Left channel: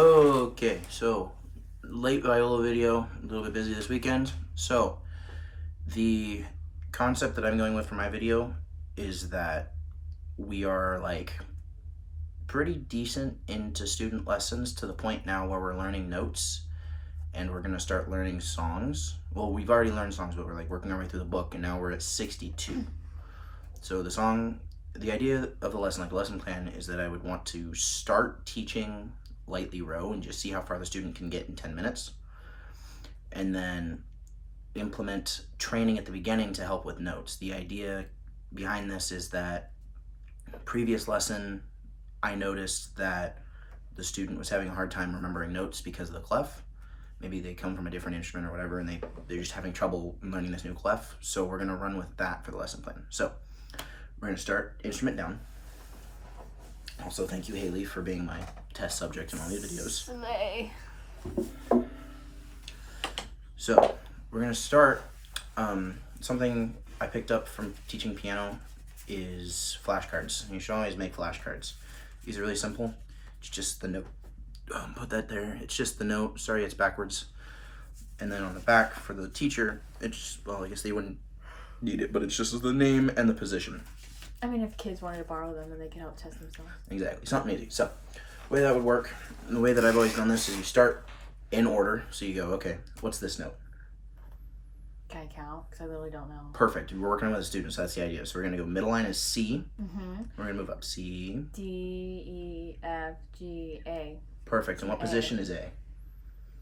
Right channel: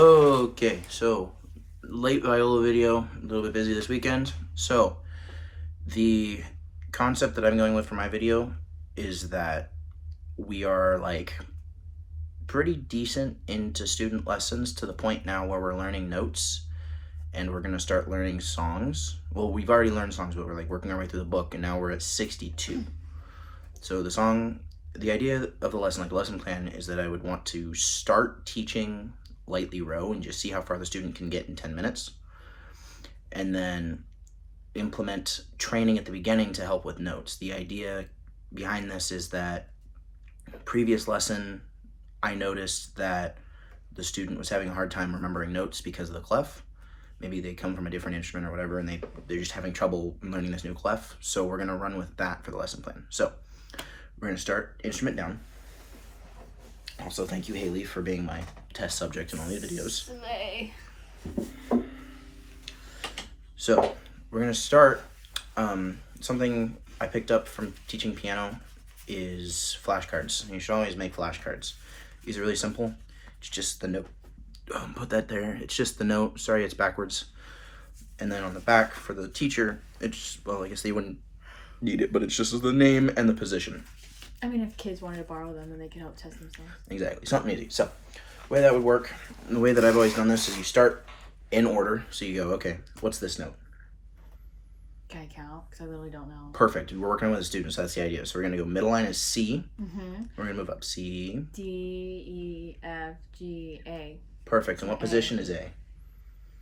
Okay, so late Viola video, a little bit busy this weekend. So the concept that I'm going with for my video is that we are like pretty decent into student lessons to the point now where we're learning notes and we're gonna start learning songs. Well, we've already learned songs, but we're like working our way through the book and now we're at 62. So the idea of the lesson, like the lesson plan, is that I would want to start teaching lightly row and just see how far the student can get in 10 minutes. And then implement training at the beginning to help with notes. The idea behind this is that previous lesson, I noticed that the student was having a hard time remembering notes because of the clef. Maybe they come from a different instrument or whatever, and they're just having trouble learning this new clef. So we're gonna run with that for the lesson plan. So we're gonna start instrument down. Also, thank you, Haley, for being my test subject in all these videos. Slay. So we're gonna start. Something I picked up from teaching piano is flashcards. You should always make flashcards. These are really simple. It's just the note. Put that there. It's just the note. Sorry, it's backwards. And then on the back for the teacher, it's, well, I guess they wouldn't need it, but it's just the name and the position. I mean, if kids wanted to borrow them, then they could help test themselves. Exactly, something easy. So the way that would work, the way that I've always done this is you start in order. So you go, okay, what's this note? Can I count? Because I literally don't know. Perfect. We're working with a student, so that's the idea. So we're gonna go middle line is C. Mm-hmm. We're gonna move up C. D, E, F, G, A. Perfect. And what position is A?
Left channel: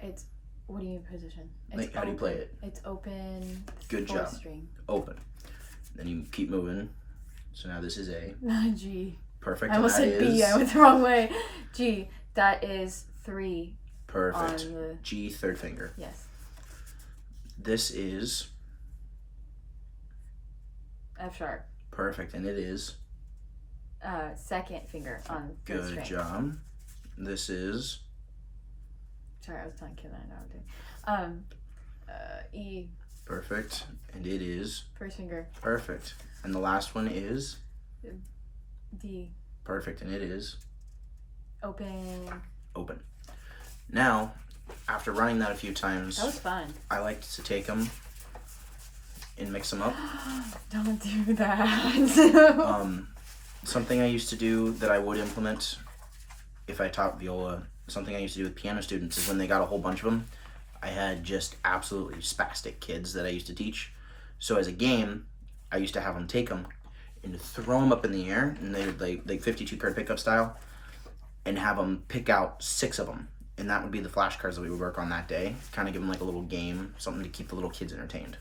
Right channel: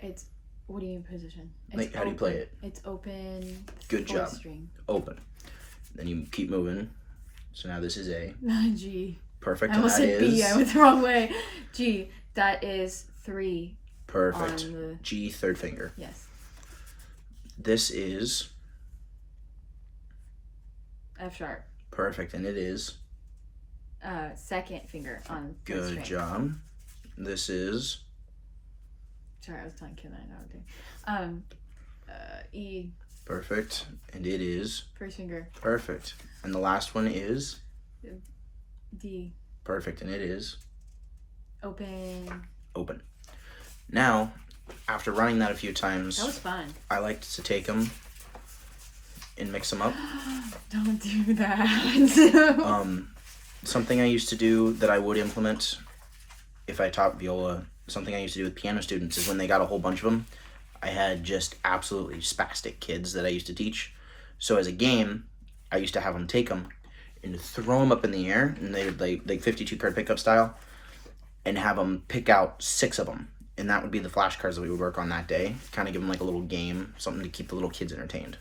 It's, what do you mean position? It's Like, how do you play it? It's open. Good job. String. Open. Then you keep moving. So now this is A. G. Perfect. I almost said B. I went the wrong way. G. That is 3. Perfect. On the... G, third finger. Yes. This is F sharp. perfect, and it is second finger on the good string. job. This is Sorry, I was telling Kim that I know what E. perfect, and it is First finger. perfect. And the last one is D. perfect, and it is Open. open. Now, after running that a few times, That was fun. I like to take them and mix them up. Don't do that. Something I used to do that I would implement if I taught viola, something I used to do with piano students is when they got a whole bunch of them, I had just absolutely spastic kids that I used to teach. So as a game, I used to have them take them and throw them up in the air, and they would like 52 card pickup style, and have them pick out 6 of them. And that would be the flashcards that we would work on that day. Kind of give them like a little game, something to keep the little kids entertained.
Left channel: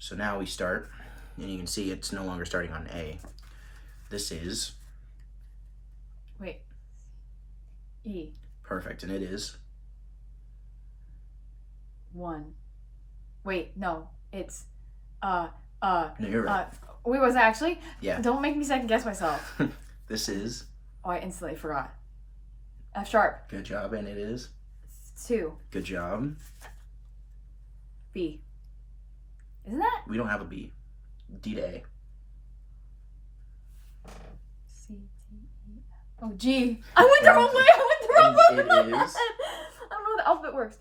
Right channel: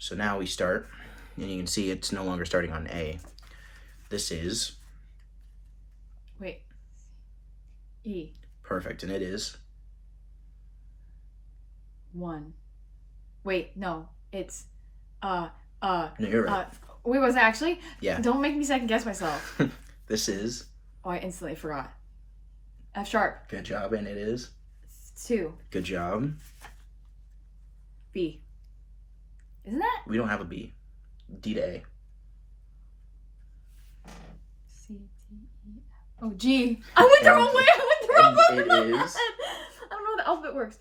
So now we start, and you can see it's no longer starting on A. This is Wait. E. perfect, and it is 1. Wait, no. It's no, you're right. Wait, was it actually? Yeah. Don't make me second guess myself. This is Oh, I instantly forgot. F sharp. good job, and it is 2. good job. B. Isn't that? We don't have a B. D to A. C, D, E, F. Oh, G. I went the wrong way. And it is I don't know how the alphabet works.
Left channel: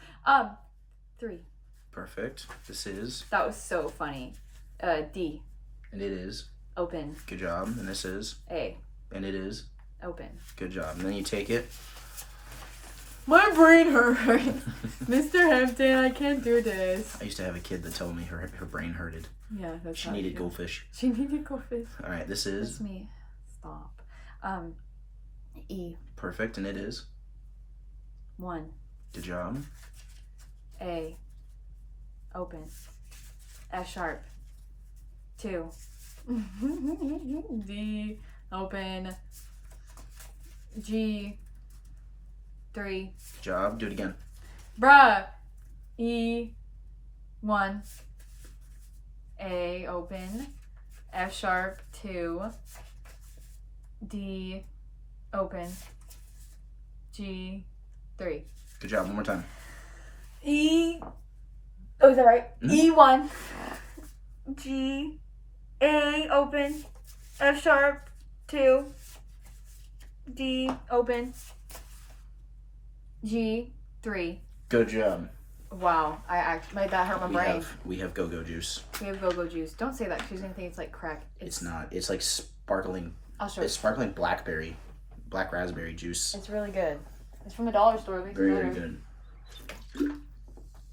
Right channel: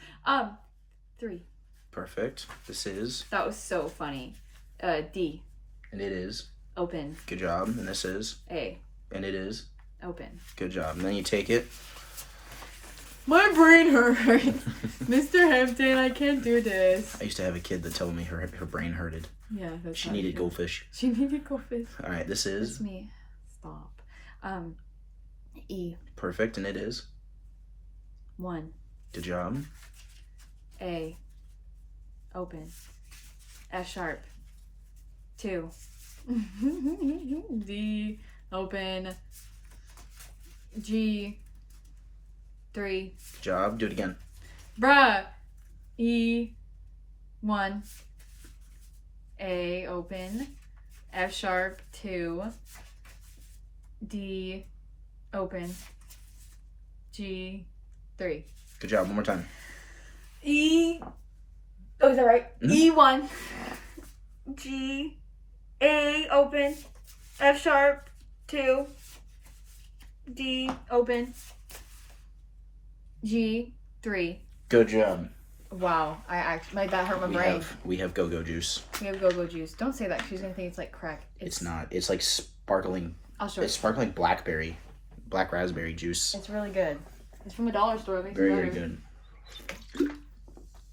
3. perfect. This is That was so funny. D. and it is Open. good job, and this is A. and it is Open. good job. And then you take it. My brain hurts. Mr. Hampton, I can't do this. I used to have a kid that told me her brain hurted. Yeah, that's She how I needed feel. goldfish. She needed goldfish. All right, this That's is me. Stop. E. perfect, and it is 1. good job. A. Open. F sharp. 2. D. Open. G. 3. Good job. Do it again. Bruh. E. 1. A. Open. F sharp. 2. D. Open. G. 3. Good job. One more time. E. Oh, is that right? Mhm. E1. G. A. Open. F sharp. 2. D. Open. G3. Good job. Wow, that hurt my brain. We have go-go juice. We have go-go juice. Don't say that. She's gonna think it's like crack. It's not. It's like sparkling. I'll show you. It's sparkling black raspberry juice. It's really good. It's from a dollar store. Very good.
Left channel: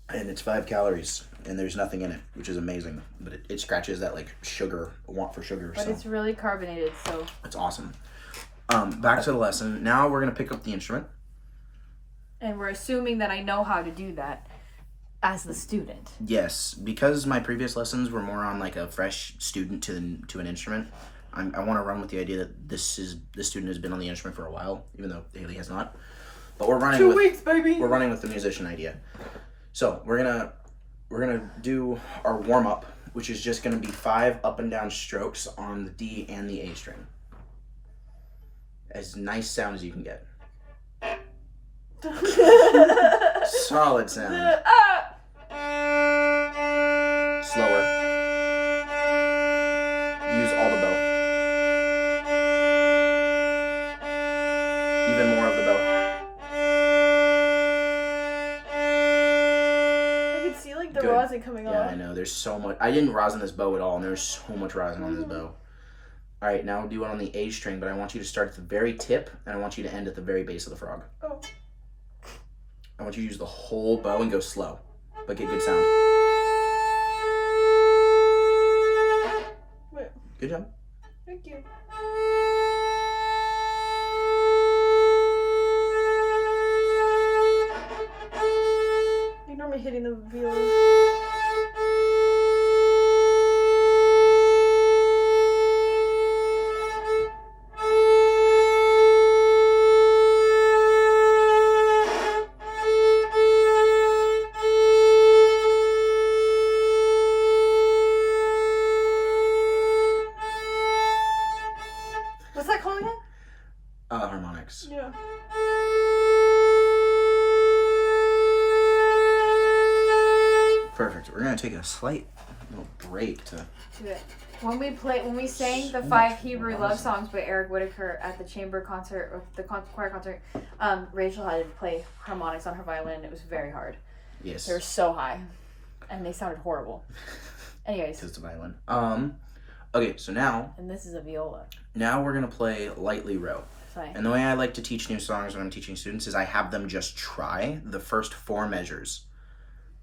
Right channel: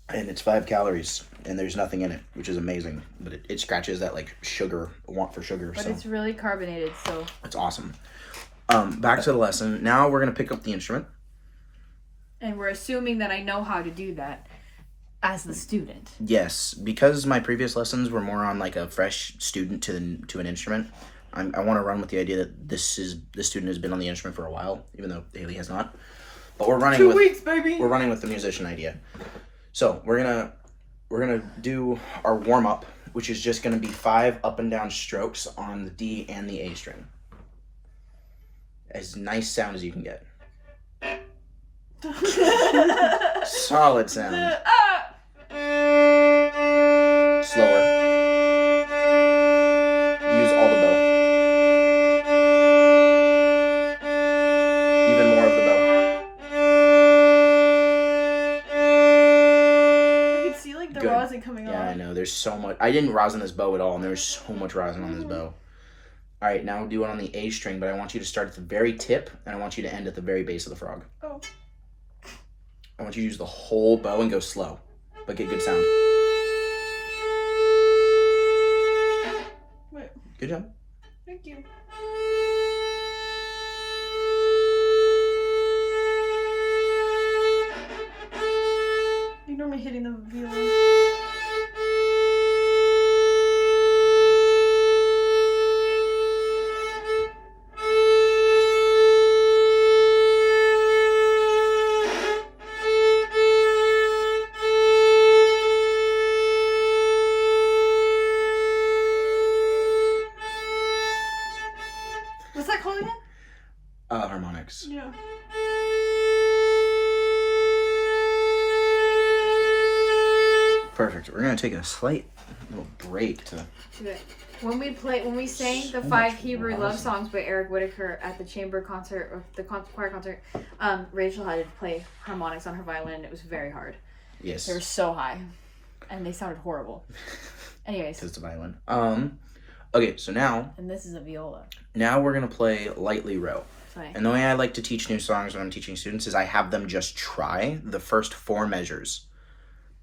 And it's 5 calories, and there's nothing in it, which is amazing. But it scratches that like want for sugar. But it's really carbonated, so it's awesome. Back to the lesson. Now we're gonna pick up the instrument. And we're assuming that I know how to do that as the student. Yes, because my previous lessons were more on like a fresh student to an instrument. I want to run with the idea that this student has been on the instrument for a while, even though Haley has not. But we're running 2 weeks, baby. We're running with the musician idea. So we're gonna do our warm up, which is just gonna be 5 up and down strokes on the D and the A string. As nice sound as you can get. Solid sound. Slower. Use all the bow. Even more of the bow. I can see like the rosin coming off. Yeah, I know. There's so much. I didn't rosin this bow at all, and there's so much rosin on this bow. All right, now we'll do it on the A string, but I want you to start at the very tip, and I want you to end at the very base of the frog. Oh. I want you to use the whole bow and go slow, but get good sound. Wait. Good job. Thank you. Ignore me hitting the viola. What's that called again? Harmonics. Yeah. Perfect. We're gonna take a slight little break to. When we sang the 5 Hebrew love songs by Eric Whitaker at the chamber concert or the choir concert, Rachel had to play harmonics on her violin, and it was very hard. Yes. They were so high, and they sounded horrible. Anyways. It's the violin. Okay, so now. And this is a viola. Now we're gonna play Lightly Row. Sorry. And the way I like to teach new songs when I'm teaching students is I have them just try the first 4 measures.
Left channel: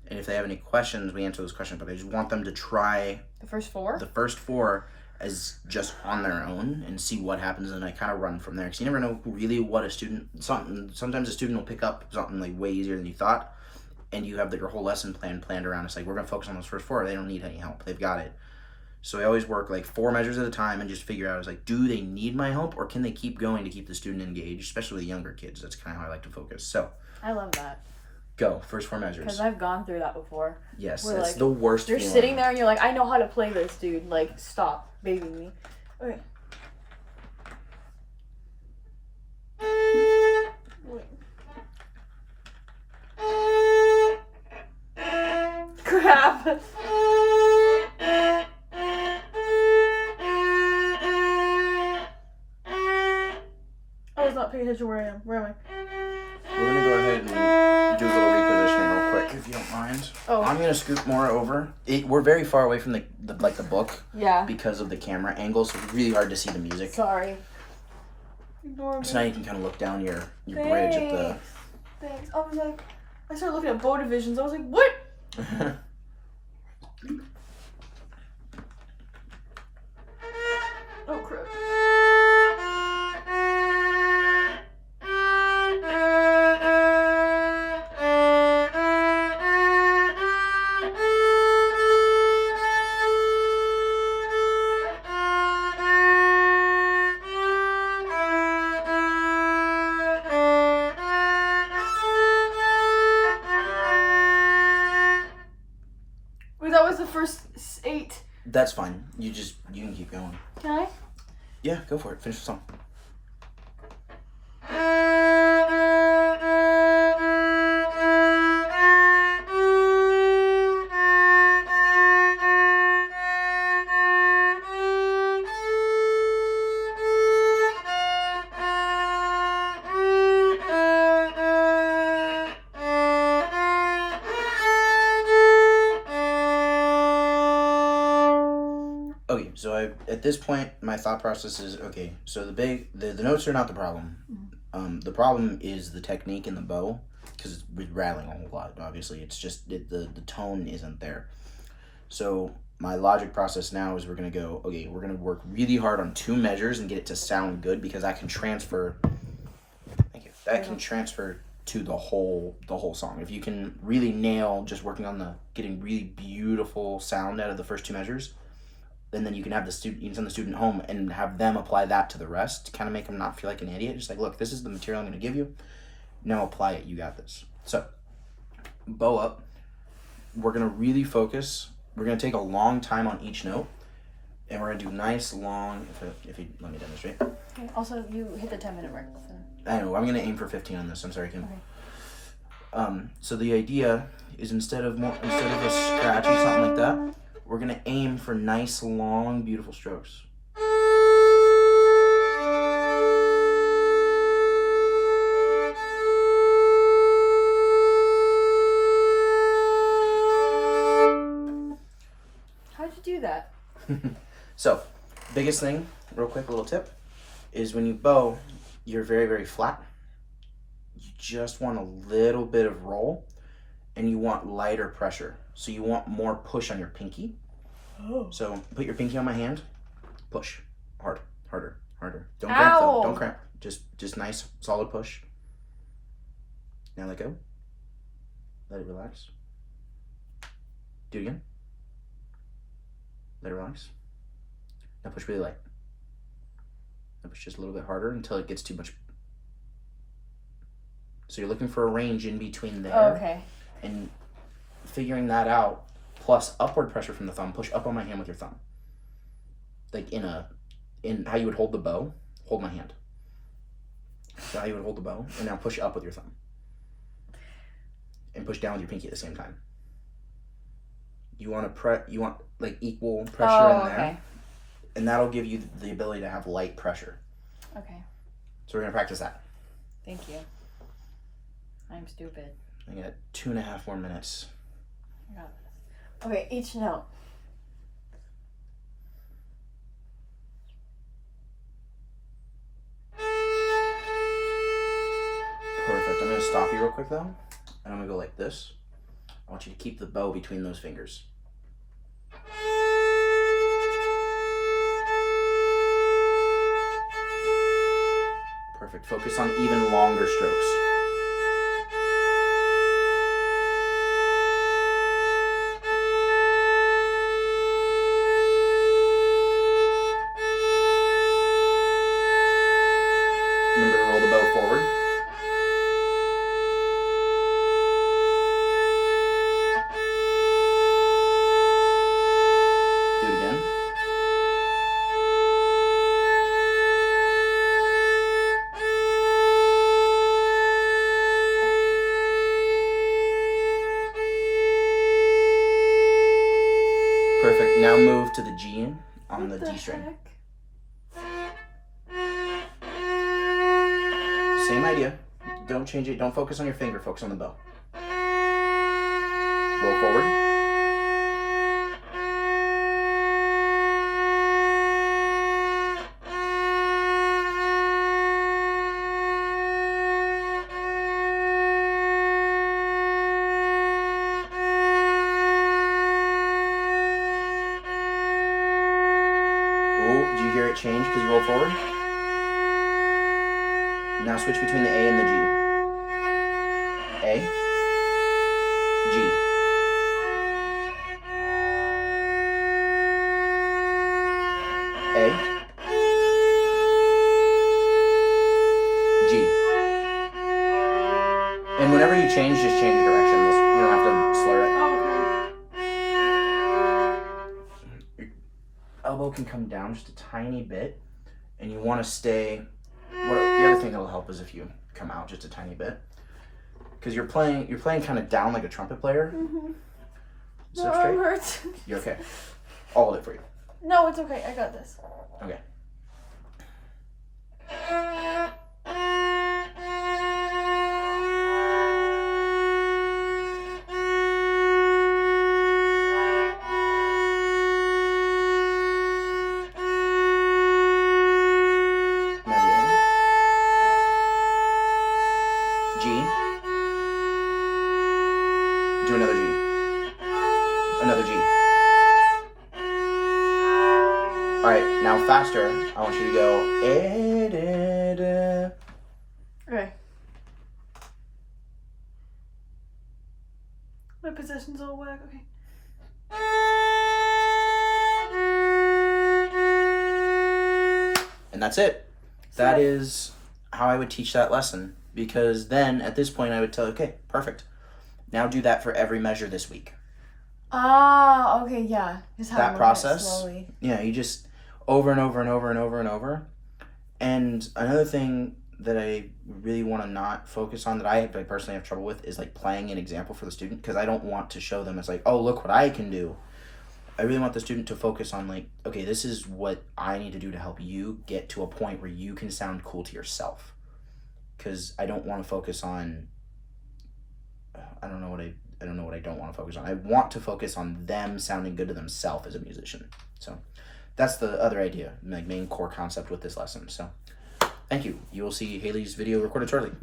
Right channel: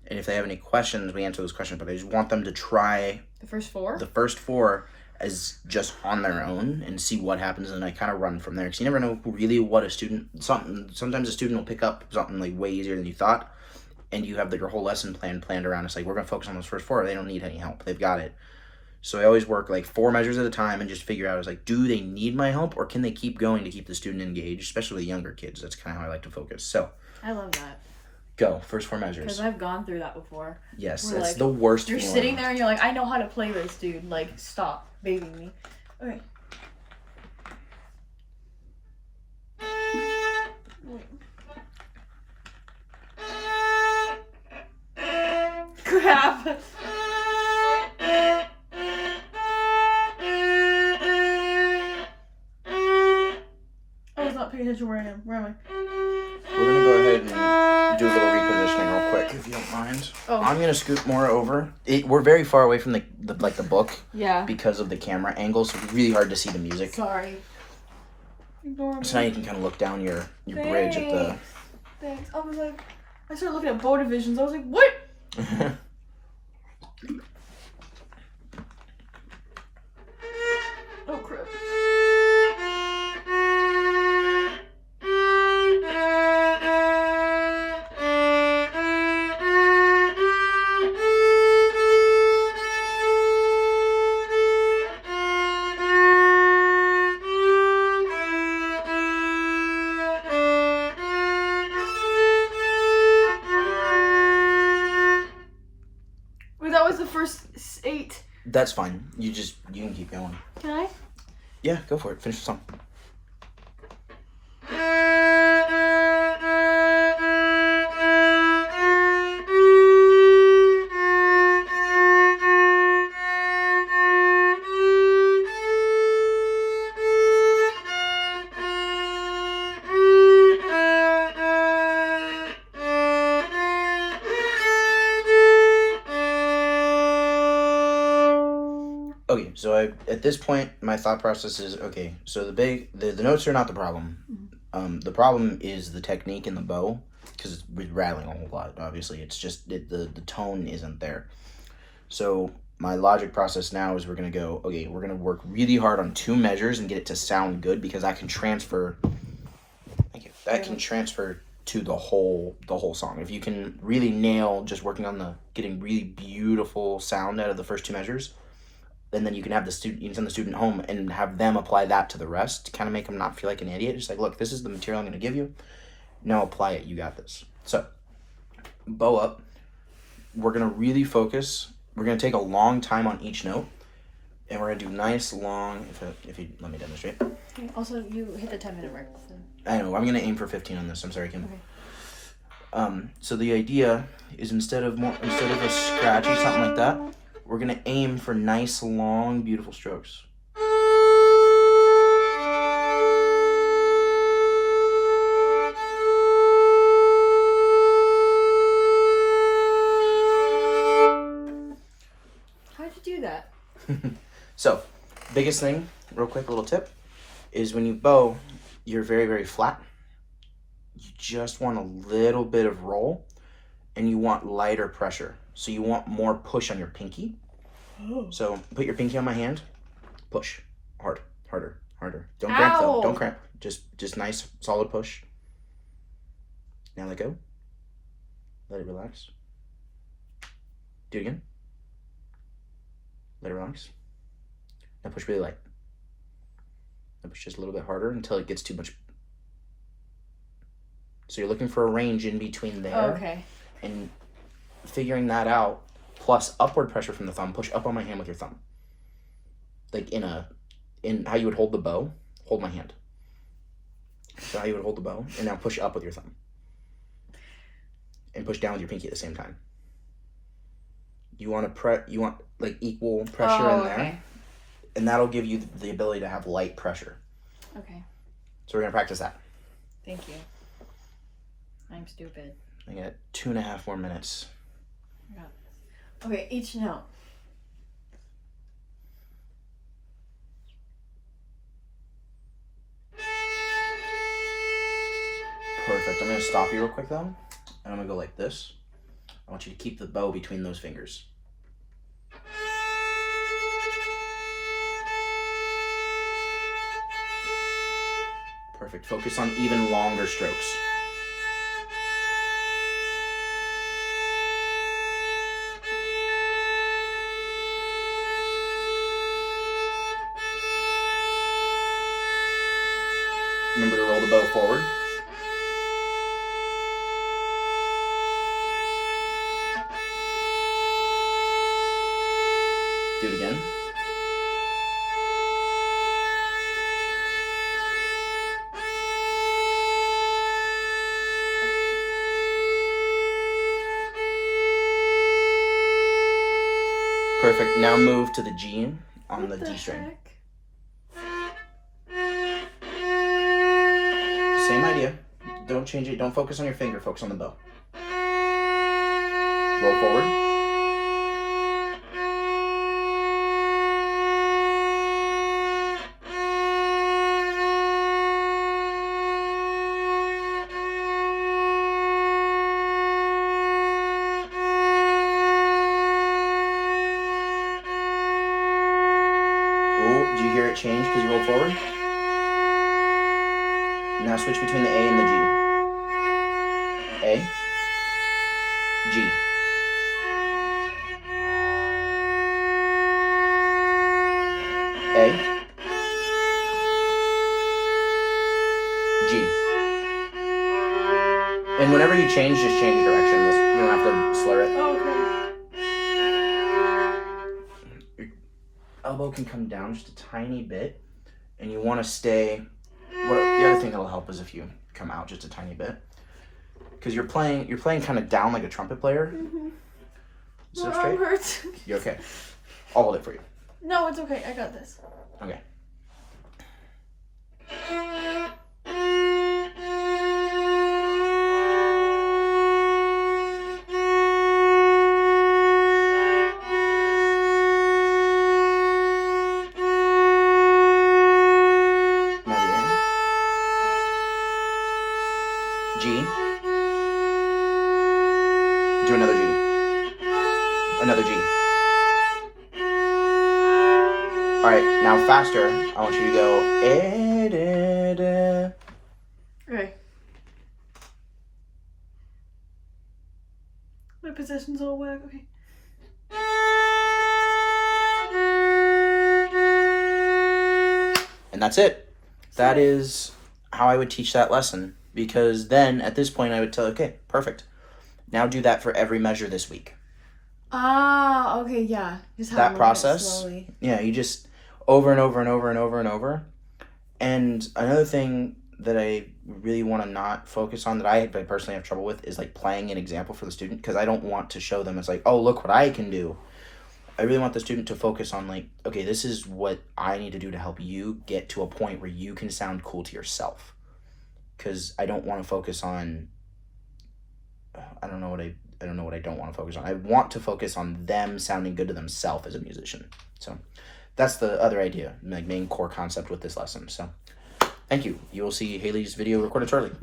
And if they have any questions, we answer those questions. But I just want them to try the first 4? The first 4 as just on their own and see what happens. And I kind of run from there. Because you never know really what a student... Sometimes a student will pick up something like way easier than you thought. And you have your whole lesson planned around. It's like, we're going to focus on those first 4. They don't need any help. They've got it. So I always work like 4 measures at a time and just figure out, do they need my help or can they keep going to keep the student engaged, especially the younger kids? That's kind of how I like to focus. So I love that. Go. First 4 measures. Because I've gone through that before. Yes, that's like, the worst You're feeling. sitting there and you're like, I know how to play this, dude. Like, stop babying me. Okay. Wait. Crap. I was not paying attention where I am. Where am I? We're going to go ahead and do a little repositioning real quick, if you don't mind. Oh. I'm going to scoot more over. We're very far away from the book. Yeah. Because of the camera angle, so it's really hard to see the music. Sorry. Ignore me. So now you can kind of look down your bridge at the... Thanks. I was like, I started looking at bow divisions. I was like, what? Oh, crap. That was the first 8. That's fine. You can keep going. Can I? Yeah, go for it. Finish the song. Okay, so at this point my thought process is okay. So the notes are not the problem. The problem is the technique in the bow because it's rattling a whole lot. Obviously, it's just the tone isn't there. So my logic process now is we're gonna go. Okay, we're gonna work really hard on 2 measures and get it to sound good because I can transfer. Thank you. That can transfer to the whole song. If you can really nail just working on the getting really beautiful sound out of the first 2 measures, and then you can have the student, you can send the student home and have them apply that to the rest to kind of make them not feel like an idiot. Just like, look, this is the material I'm going to give you. Now apply it. You got this. So, bow up. We're going to really focus. We're going to take a long time on each note, and we're going to do nice long. If you let me demonstrate. Also, you hit the 10-minute mark. So. I know. I'm going to aim for 15 on this. I'm sorry, Kim. Okay. So the idea is instead of a scratchy something like that, we're going to aim for nice, long, beautiful strokes. How'd you do that? So, biggest thing, real quick, a little tip, is when you bow, you're very, very flat. You just want a little bit of roll, and you want lighter pressure. So you want more push on your pinky. Oh. So put your pinky on my hand, push, hard, harder, harder. Don't cramp though, don't cramp. Just nice, solid push. Now let go. Let it relax. Do it again. Let it relax. Now push really light. Now push just a little bit harder until it gets too much. So you're looking for a range in between there. Oh, okay. And figuring that out, plus upward pressure from the thumb, push up on my hand with your thumb. Like in how you would hold the bow, hold my hand. So how you would hold the bow, and now push up with your thumb. And push down with your pinky at the same time. You want like equal pressure in there. Okay. And that'll give you the ability to have light pressure. Okay. So we're gonna practice that. Thank you. I'm stupid. I got 2.5 more minutes. No. Okay, each note. Perfect. I'm gonna stop you real quick though. And I'm gonna go like this. I want you to keep the bow between those fingers. Perfect. Focus on even longer strokes. Remember to roll the bow forward. Do it again. Perfect. Now move to the G on the D string. Same idea. Don't change it. Don't focus on your finger. Focus on the bow. Roll forward. Oh, do you hear it change because you rolled forward? Now switch between the A and the G. A, G. A, G. And whenever you change, just change the direction. You don't have to slur it. Your elbow can come down just a tiny bit, and you want to stay. The other thing that'll help is if you come out just a tiny bit, because you're playing kind of down like a trumpet player. Mm-hmm. Sit My up straight. arm hurts. You okay? I'll hold it for you. No, it's okay. I got this. Okay. G. Do another G. Another G. All right, now faster. I want you to go. Okay. My possession's all whack. Okay. And that's it. That is how I would teach that lesson. Because then, at this point, I would tell, okay, perfect. Now do that for every measure this week. Ah, okay, yeah. Just have That them look at it process, slowly. yeah, you just over and over and over and over and over. And another thing that I really want to not focus on, that I personally have trouble with, is like playing an example for the student, because I don't want to show them it's like, oh, look what I can do. I really want the student to focus on like, okay, this is what I need to do to help you get to a point where you can sound cool to yourself. Because I don't want to focus on, I don't know what I don't want to focus on. I want to focus on them sounding good to themselves as a musician. So that's the other idea, like main core concept with this lesson. So thank you. You will see Haley's video recorded shortly.